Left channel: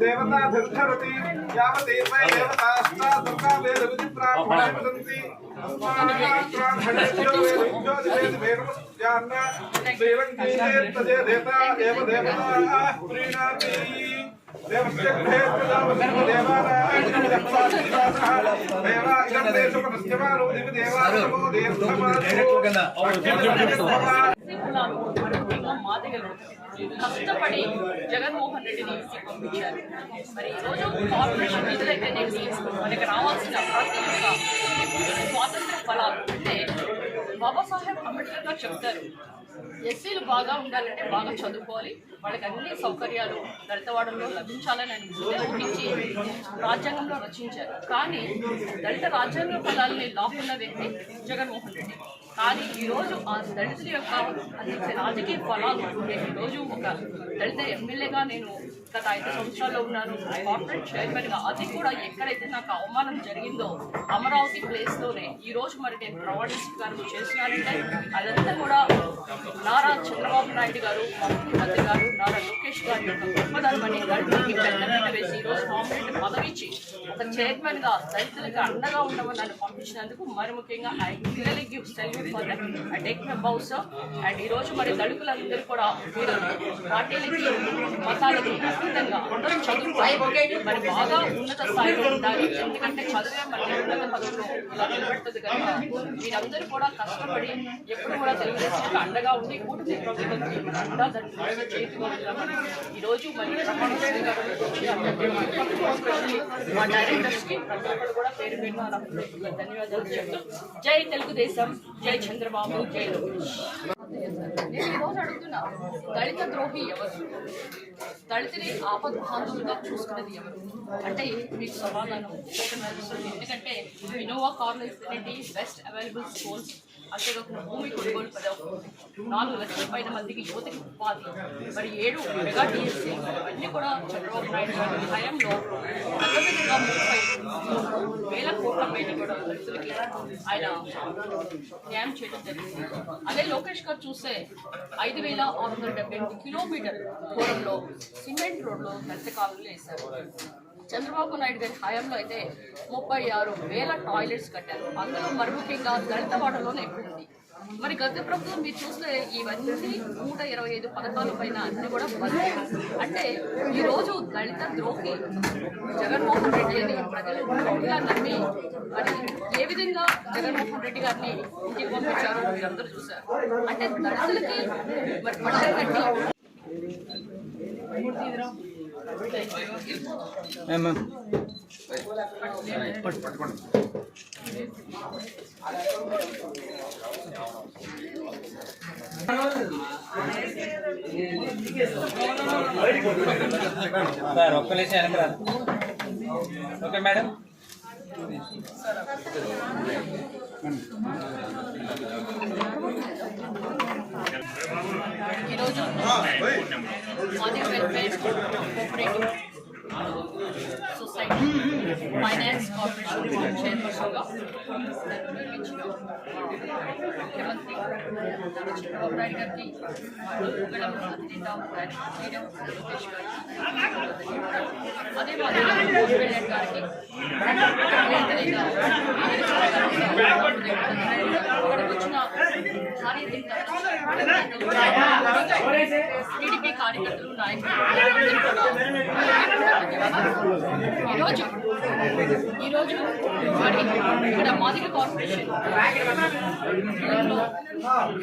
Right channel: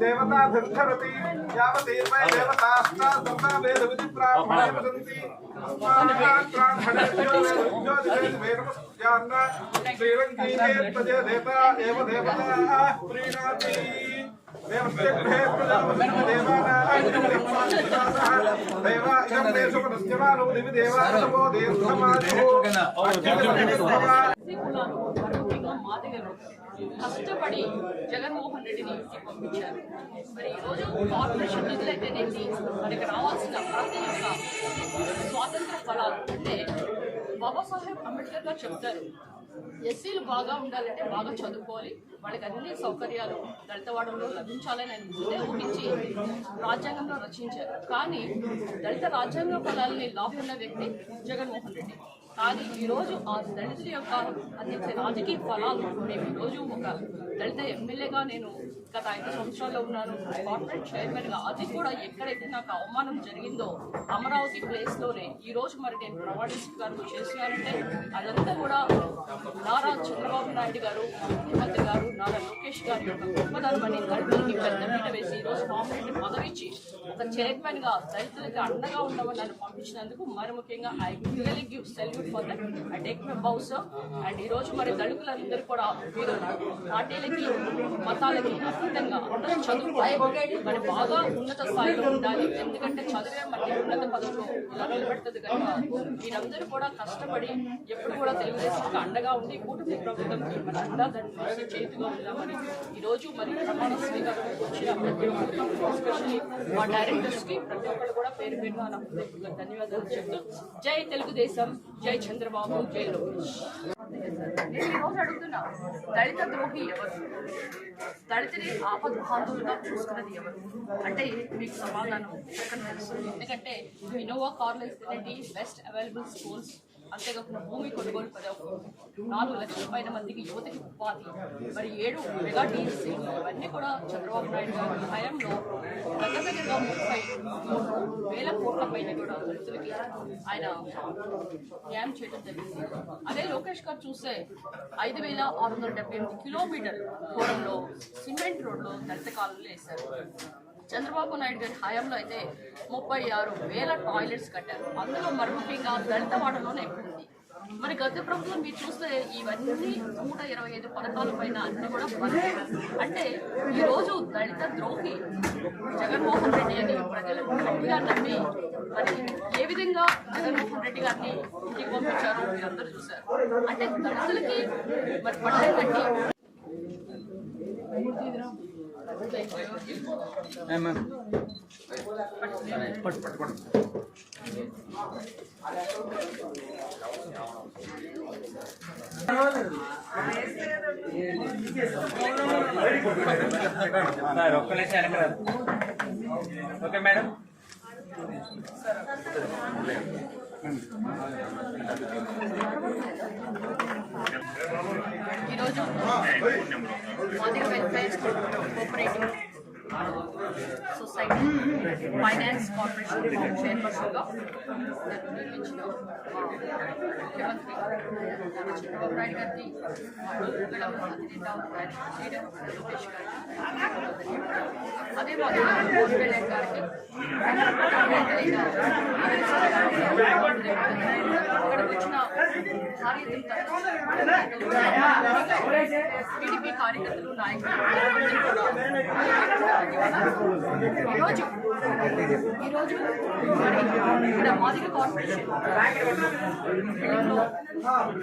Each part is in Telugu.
देवता धरती यावदेवै देवतास्ता सर्वा वेद विधि प्राप्नुवन्ति अस्मान् हण्डज्यो वेद वेदमस्यान्न देवं कीर्तये तदे देवता एव देवता प्रीणाति देवस्य गृहे प्रजापतिर्देवानां देवा इदं देशोपनस्यमानो दिवि देवासवो కష్టపడి జగన్మోహన్ రెడ్డిని పంపించారు. మరి ఈరోజు కార్పొరేషన్ నిధులైతేనేమి మనకి రావాల్సిన ప్రాథమికంగా స్వాతంత్ర ఫలాలు అంటే బాబాసాహెబ్ అంబేద్కర్ గారు చెప్తారు, ఎస్సీలు బాగా ఉండాలంటే బాగా చదువుకోవాలి, వాళ్ళకి అన్ని సౌకర్యాలు దళితవాడంలో లభించాలని ఆయన ముందే ఊహించి రాజ్యాంగంలో రచించారు. కానీ దళిత రాజ్యాంగ ఫలాల్ని లాక్కున్న వ్యక్తి జగన్మోహన్ రెడ్డి. కానీ ఈరోజు ఆ దళితుల యొక్క అందించే రాజకీయ ఫలాలు నేను ఈరోజు ఒక దళిత ఎమ్మెల్యేగా నేను గత 5 సంవత్సరాల్లో ఉన్నాను, కార్పొరేట్ చైర్మన్గా. అది కూడా ఎక్కడైతే నాకు అవమానం జరిగిందో అమరావతి ప్లేస్లోనే ఈరోజు మరి నేను ప్రమాణ స్వీకారం చేస్తున్నానంటే అదంతా కూడా నారా చంద్రబాబు నాయుడు గారు, ముఖ్యమంత్రి గారు, నారా లోకేష్ గారి యొక్క గొప్పదనమని దళితులకి పెద్దపీట వేసి ఈరోజు కాంపిటేటివ్ పదవి ఇచ్చి ఒక చైర్మన్గా దళితులకి అండగా ఉండమని నన్ను పంపించినందుకు మరి ముఖ్యంగా I really give salute for that. I take my bow sir. And ఈరోజు మరి దళితులందరూ కూడా మీరు పార్టీలకి మతాలకి అతీతంగా అందరూ చదువుకోవాలి, మరి బాగా ఉన్నత స్థాయిలో ఉండాలి. ఎందుకంటే చదివే మరి ఉన్నత పదవులు ఇలా నిలబెడుతుంది కనుక మీరందరూ కూడా కష్టపడి ఎప్పుడు కూడా తెలుగుదేశానికి అండగా ఉండి కూటమి ప్రభుత్వంకి మన అండా దాన్ని చేతిలో ఉంటామని ఈరోజు మరి ప్రమాణ స్వీకారం ఎస్పెషల్లీ మా డైరెక్టర్స్కి ప్రతి ఒక్కరు కూడా పేరు పేరు ధన్యవాదాలు చెప్తూ జై తెలుగుదేశం, జై చంద్రబాబు, జై లోకేష్. నేను ఈరోజు అడుగుతున్నా, దళిత ద్రోహి ఎవరు? దళితుని ఆపద్బాంధువులుగా చూసుకున్నది ఎవరు అంటే మీకు సమాధానం చెప్పడం తెలుస్తుంది. ఎందుకంటే ఇన్నోవా కార్లో ఇస్తున్నట్టు బెస్ట్ అవైలబుల్ స్కూల్స్, అంతేకాకుండా భూమి కొనుగోలు పదవి, 4 లక్షల పైన మందికి యువతకి ఉపాధి, మరి 7 మెగా టీఎస్సీ, ఇవన్నీ కూడా చంద్రబాబు నాయుడు గారి హయాంలో దగ్గరగా 30,000 కోట్ల పైన కూడా దళితులకి ఆయన న్యాయం చేయడం జరిగింది. అదే లోకేష్ గారు చూస్తే 5,678 కిలోమీటర్ల దూరంలో సిమెంట్ రోడ్లో దళిత కాలంలో వేశారు. చంద్రబాబు నాయుడు గారి హయాంలో అయితే 36,000 టాయిలెట్స్ కట్టారు. అందులో మరి ముఖ్యంగా దళిత వాడలోనే ఎక్కువ ఉంది. మరి గత ప్రభుత్వం మీరు చూస్తే ఇవన్నీ 125 పథకాల పైన అన్ని కూడా బంద్. అంటే ఈరోజు దళిత ద్రోహి జగన్మోహన్ రెడ్డి అని ప్రజలు గట్టిగా నమ్మి మరి ఏ విధంగా జగన్మోహన్ రెడ్డి గారిని ఇంటికి పంపించారో మీరందరూ చూశారు. అంటే దళితులకి మరి పట్టలు కట్టి ఓకే మేడం. ఈరోజు Madiga welfare cooperative society finance corporation చైర్పర్సన్గా చంద్రబాబు నాయుడు గారికి, అదే మాదిరిగా గారికి, ఇక్కడికి వచ్చిన టీడీపీ కార్యకర్తలు, నాయకులు ఈరోజు మరి ఇక్కడ మాదిగ కార్పొరేషన్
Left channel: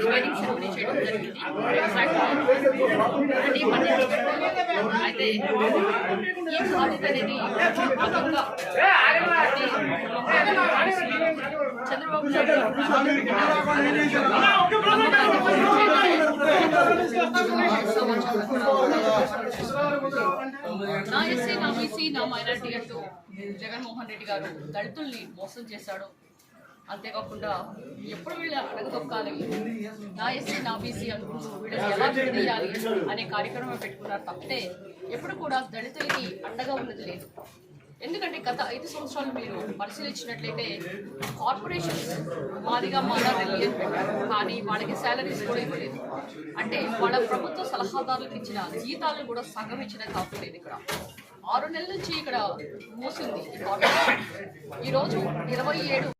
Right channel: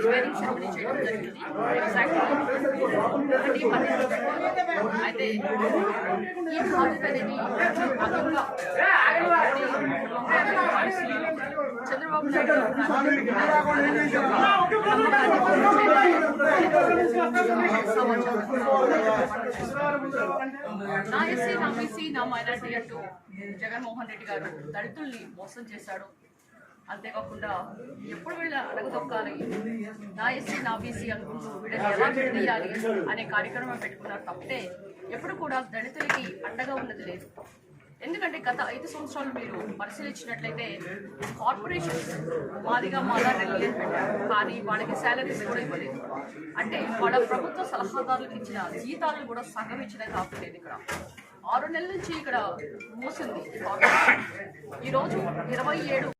ట్రైనింగ్ సెరమనీ చేయడం జరిగింది. అయితే ఈ బాధ్యత అనేది భాగంగా చంద్రబాబు నాయుడు నా ఎస్సీ, నా బీసీ, నా మైనారిటీ అంటూ జగన్మోహన్ రెడ్డి గారు దళితుల్ని మోసం చేశాడు. అంతేకాకుండా ఎప్పుడు వీళ్ళ అడగదొక్కాలి, నా ఎస్సీ నా బీసీ అనుకుంటూ వీళ్ళని ఎలా విడదీయాలి అనే కార్యక్రమం పెట్టుకున్నారు తప్పితే ఎప్పుడు కూడా దళితులకి అండగా ఉన్నది లేదు. ఎందుకంటే గత 5 సంవత్సరాలు మీరు పరిశీలించినట్లయితే కార్పొరేషన్స్ మాదిగా ఢిల్లీ అని పెట్టారు, కానీ వాళ్ళకి శాలరీస్ కూడా ఇవ్వలేదు. అంటే వాళ్ళ ప్రభుత్వ సలహాదారులకు ఇచ్చిన జీతాలను కూడా సగం ఇచ్చిన కాపలేదు. ఇక్కడ 6 నెలల నుంచి ఇక్కడ మూసింది ఈ కార్పొరేషన్. ఈరోజు 27